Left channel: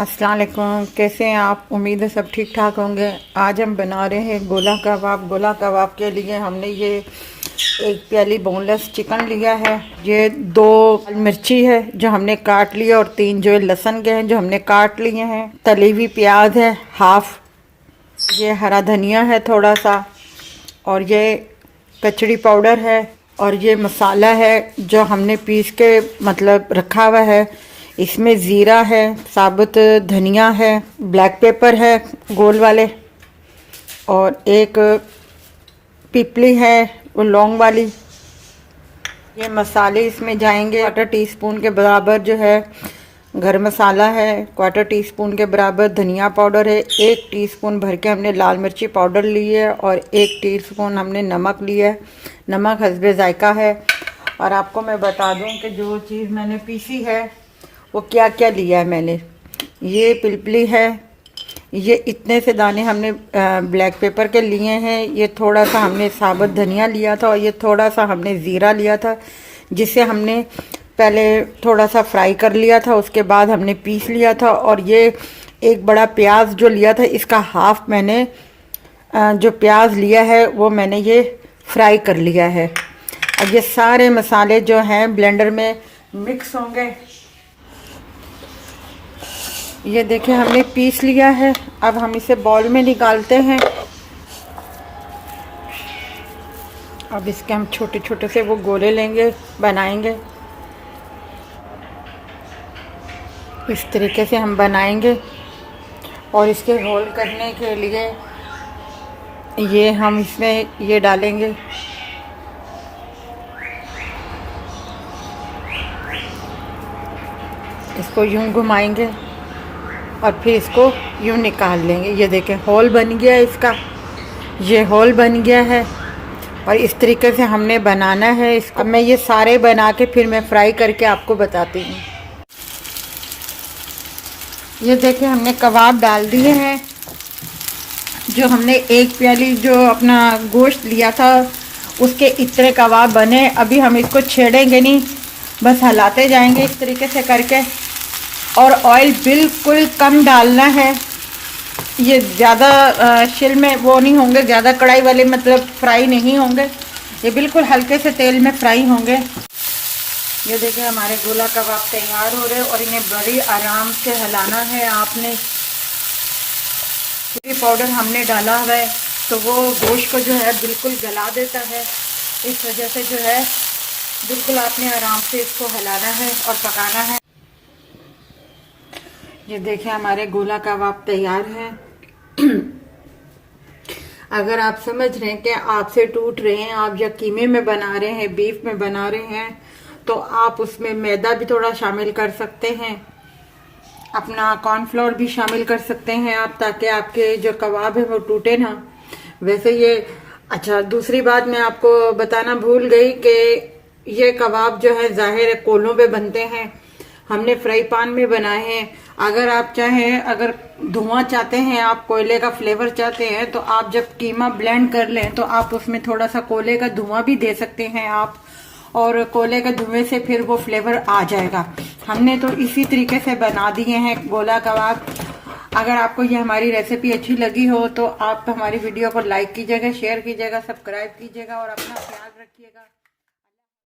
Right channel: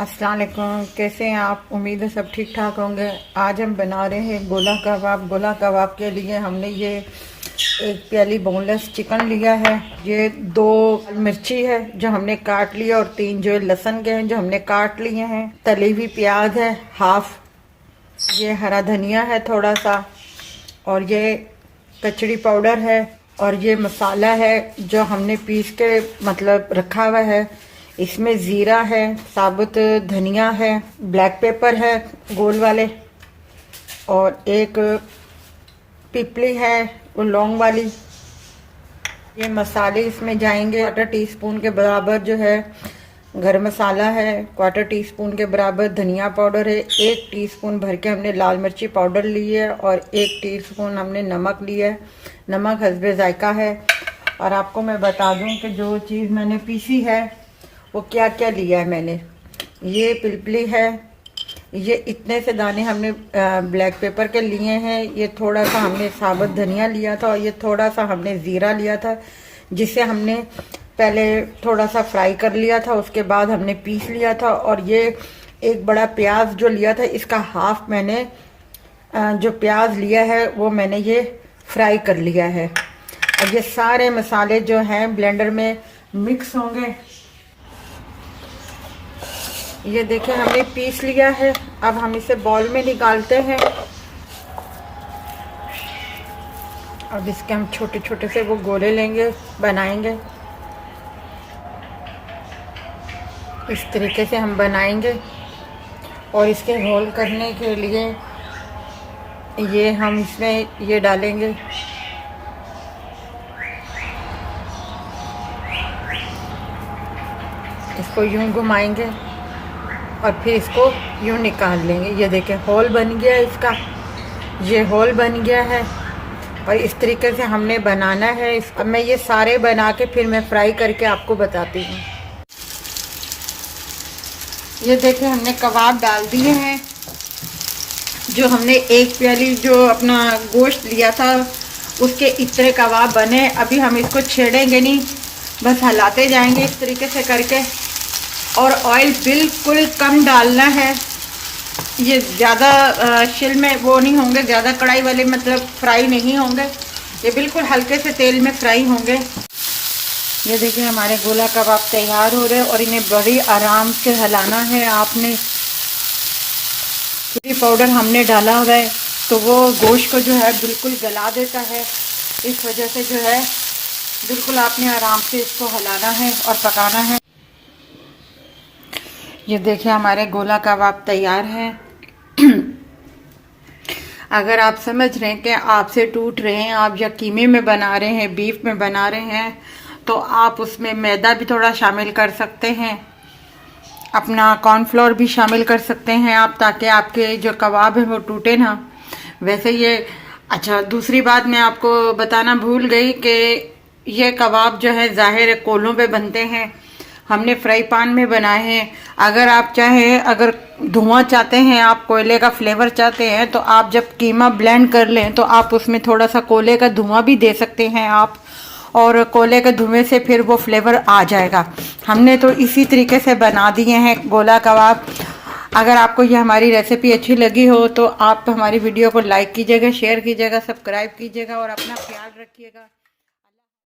अस्सलाम वालेकुम। कैसे हैं आप? उम्मीद है सब ठीक ठाक होंगे। आज हम बना रहे हैं गोला कबाब। गोला कबाब के लिए हमने ये एक प्याली बोनलेस चिकन लिया है, ये 2 मिर्ची है जो हमने काट लिया और 3 जो लहसुन के हैं जो हमने काट लिए हैं। तली हुई प्याज है हाफ, ये हरा धनिया है थोड़ा सा, और ये कचड़ी पाउडर है, और ये मसाला है जो हमने पीस के मतलब रखा हुआ है। इसमें ज़ीरा है, साबुत धनिया है, ब्लैक पेपर है गोल वाले, और एक पिपली है वो लौंग वाली। ये मसाले इसमें जाएंगे। 1/4 टीस्पून के बराबर जो है गरम मसाला है, 1/4 टीस्पून के बराबर धनिया पाउडर है, 1 टीस्पून भर के हमने लाल मिर्ची पाउडर ली है, और 1 टीस्पून हमने नमक लिया है। नमक हस्बे जायका है। और आपको मैं बता दूं कि जो चीज़ मैंने पीसी है वो क्या क्या लिया है मैंने। ये पिलपली है, ये इतने से दाने हमने ब्लैक पेपर के लिए हैं, ये थोड़ा सा हमने साबुत धनिया लिया था, और ये थोड़ा सा हमने ज़ीरा लिया था जिसे हमने पहले थोड़ा सा फ्राई कर लिया था, उसके बाद हमने पीस लिया था। और ये एक बड़ा प्याज जो लिया था, इसका हाफ मैंने जो प्याज लिया है वो मैंने ये फ्राई कर लिया है। अब ये सारे मसाले जो हैं ब्लेंडर में मिक्स होंगे। ये देखिए हमने पीस लिया है। अब हम इसे बाउल में निकालते हैं। अब इसके हम छोटे छोटे से वो गोले लेंगे, बनाएंगे। इस तरीके से हम बनाएंगे, और इसके रोल करने के लिए ये हम इसमें ये डालेंगे। इसको यूं घुमाएंगे और फिर इसको यूं निकाल लेंगे। ये देखें होल बन गया है इसका, ये होल बन गया है। और इस तरीके से हमने बनाना है इसको। मैं ये सारे बना के फिर मैं फ्राई करके आपको बताती हूँ। ये देखें हमने कबाब डाल दिए हैं। जो हमने एक प्याली जो अपना गोश्त लिया था उसके इतने कबाब बने। अभी हम इसको छेड़ेंगे नहीं, बस हिलाते जाएंगे इस तरीके से करके। और ऑयल बिल्कुल कम डालना है। ये ज़्यादा शिल में वो नहीं होंगे, ज़्यादा कढ़ाई वाले मतलब फ्राई नहीं होंगे, ये बिल्कुल हल्के से तेल में फ्राई होंगे। ये देखिए हमारे गोला कबाब तैयार हो रहे हैं, और इन्हें बड़ी आराम से हिलाना है आपने। चिली पाउडर हमने डाला हुआ है तो वो गोश्त को जो है बिल्कुल गला देता है। इस वजह से जो है बिल्कुल आपने आराम से इसको हिलाना है और पकाना है। ये देखिए हमारे गोला कबाब तैयार हैं। अगर आप समझ रहे हैं कि आपसे टूट रहे हैं, आप या कीमे में बना रहे हैं, बीफ में बना रहे हैं, तो आप उसमें मैदा भी थोड़ा शामिल कर सकते हैं, अपना कॉर्नफ्लोर भी शामिल कर सकते हैं आप, ताकि आपके जो कबाब है वो टूटे ना। वैसे ये अच्छा, दूसरी बात मैं आपको बताना भूल गई कि ये कबाब जो है ज़ाहिर है कोलों पे बनते हैं, हमने फ्राई पैन में बनाए हैं। अगर आप चाहें, अगर धुआं चाहते हैं, आप कोयले का फ्लेवर चाहते हैं, तो आप जब कीमा ब्लेंड कर लें तो आप उसमें थोड़ा सा कोयले का धुआं भी दे सकते हैं आप, और कोयले के धुएं से फिर वो फ्लेवर आ जाएगा। हमने तो इसी तरीके से बना दिए हैं गोला कबाब। अगर आपको ये हमारी रेसिपी अच्छी लगी हो तो आप हमारी वीडियो को लाइक कीजिएगा, शेयर कीजिएगा, सब्सक्राइब कीजिएगा, और अपना ख्याल रखिएगा।